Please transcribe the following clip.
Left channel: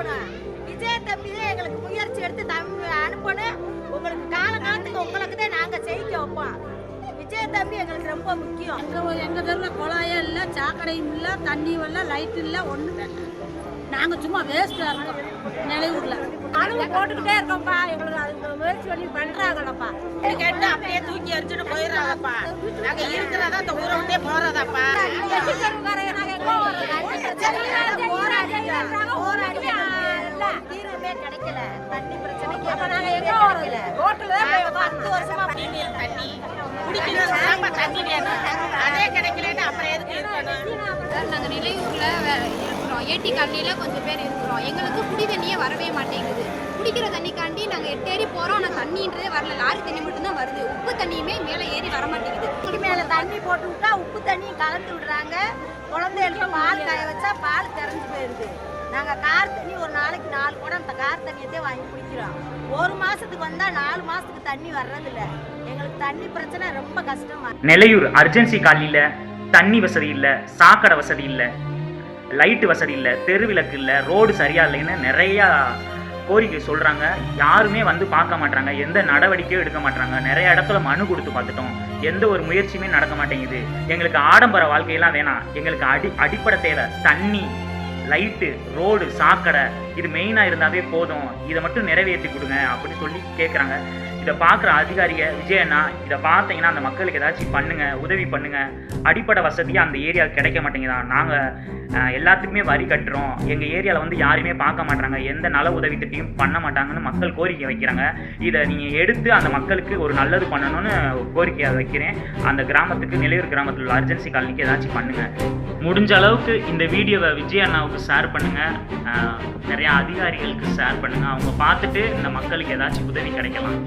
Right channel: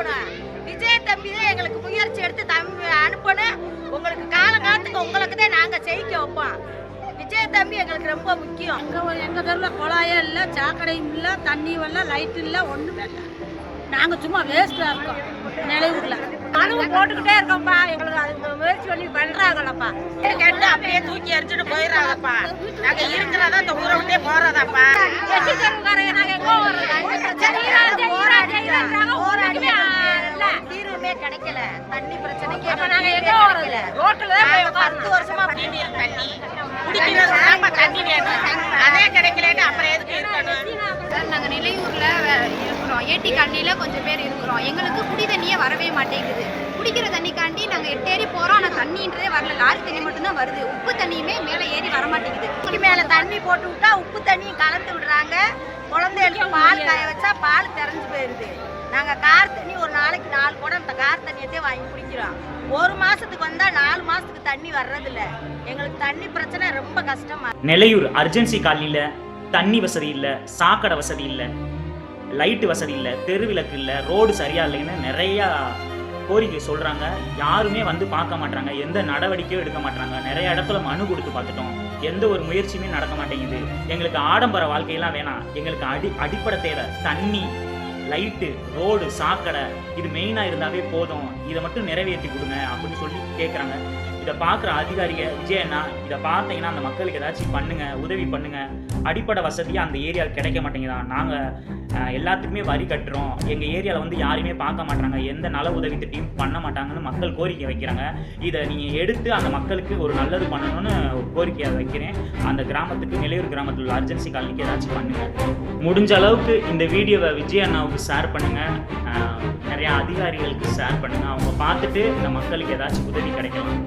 அனுப்பணும். விஜய் தம்பி தான் எங்களுக்கு முயற்சி எடுத்து அனுப்பணும். உங்களுக்கு காலகாலத்துக்கு உங்களுக்கு தான் நாங்க ஜெயிக்க வைப்போம். விஜய் தம்பி எங்களுக்கு ரொம்ப முக்கியம். எங்க தெருவில் குழாயே இல்லை, சாக்கடையும் இல்லை, தண்ணி வரல, லைட் இல்லை, ஒன்றுமே இல்லை. நாங்கள் சும்மா வேஸ்ட்டாக இருக்கோம். நிலையூரில் கனவு போட்டுக்கிட்டே இருக்கோம்ப்பா. எங்களுக்கு அது முயற்சி பண்ணி பண்ணுறாங்களப்பா. கேட்டு அப்படியே தூக்கி எரிச்சுட்டு போயிடறாங்கப்பா. நாங்க இருக்கிறதா இந்த ஊரை விட்டே போறதாப்பா. எட்டி தெருவுக்காரங்க நாங்கள் எங்கே தீர்வுமே கிடைக்கல. தண்ணி பிரச்சனைக்கு ரோட்டில் 10 வருஷமா தண்ணி குடிக்கிறதுக்கு தண்ணி வேணும். அதே கிடைக்கலன்னு அப்புறம் எதுக்கு இருக்கணும்? சார், நாங்கள் நிலையூரில் இருக்கிறோம். ஏடி காலனியில் கொஞ்சம் பேர் இருக்கிறோம். எங்களுக்கு குடி தண்ணியே வரவே மாட்டேங்குது. குடிக்கிற தண்ணிக்காண்டி நாங்கள் 8 ஏரி போகிறோம். ஆனால் தண்ணின்றதே வரல. லாரி தண்ணி மட்டும்தான் வருது. உப்பு தண்ணியுமே மேலே ஏறி வர மாட்டேங்குது. இதுக்கு மேலே தண்ணி போட்டு விட்டா உப்பு தண்ணியும் கலந்து விடுறாங்க. குழந்தைகளுக்கு பால் காய வச்சா பால் திறந்து போயிடுது. நாங்கள் கார் தண்ணி ஒரு நாளைக்கு 4 குடம் அந்த கார் தண்ணியத்தையே வாங்கி குடிக்கிறோம். 1 மாதத்துக்கு வந்தால் 4 மாதத்துக்கு தண்ணி வர்றதில்ல. எங்களுக்கு தண்ணி பிரச்சனை ரொம்ப கஷ்டமா. நிலையூர் அர்ஜென்சி காலனியில் தண்ணி வசதி இல்லை, சாக்கடை வசதி இல்லை, லைட்டு வசதி இல்லை, தெருவிளக்கு இல்லை, ரோடு சரியா இல்லைன்னு நிறையா கோரிக்கை சொல்கிறாங்க. யாருமே வந்து பார்க்க மாட்டாங்க, எந்த நடவடிக்கையும் எடுக்க மாட்டாங்க. நிறைய இடத்துல மனு கொடுத்து பார்த்துட்டோம், எந்த ஒரு முயற்சியுமே நடக்க மாட்டேங்குது. எங்களுக்கு ஆடம்பர வாழ்க்கையெல்லாம் வேணாம், எங்களுக்கு அடிப்படை தேவை தண்ணி, லைட்டு, ரோடு, சாக்கடை, இது மெயினாக இருந்தாவே போதும், இதை மட்டும் நிறைவேற்றி கொடுங்க அப்படின்னு சொல்லி கேட்குறாங்க. இதை பார்க்குற அதிகாரியை விஜயண்ணா, இதை பார்த்தீங்கன்னா அந்த மக்களுக்கு ஏதாச்சும் பண்ணுங்கள், உதவி பண்ணுங்கள். அடிப்படை வசதியாக அந்த ஏரியாவுக்கு கிடைக்க மாட்டேங்குதான். நாங்கள் எல்லாத்துக்குமே வரி கட்டுறோம், எங்கள் ஏரியாவில் வந்து யாருமே பார்க்க மாட்டாங்க, எந்த நல உதவி திட்டையும் பண்ண மாட்டாங்கன்னு மக்கள் கோரிக்கை வைக்கிறாங்க. இதை நீங்கள் எடுத்து அந்த மக்களுக்கு ஒரு நல்லது பண்ணணும்னு கோரிக்கையை வைக்கிறேன். அந்த கிராமத்துக்கு, நிலையூர் கிராமத்தில் உள்ள அர்ஜென்சி காலனிக்கு ஏதாச்சும் பண்ணுங்கள். முடிஞ்ச அளவுக்கு இந்த வீடியோவை விஜய் அண்ணாவுக்கு ஷேர் பண்ணுங்கள், நிறையா அதிகாரிகளுக்கு ஷேர் பண்ணுங்கள். அவங்க பார்த்துட்டு இந்த மக்களுக்கு ஏதாச்சும் உதவி கிடைக்கலாம்.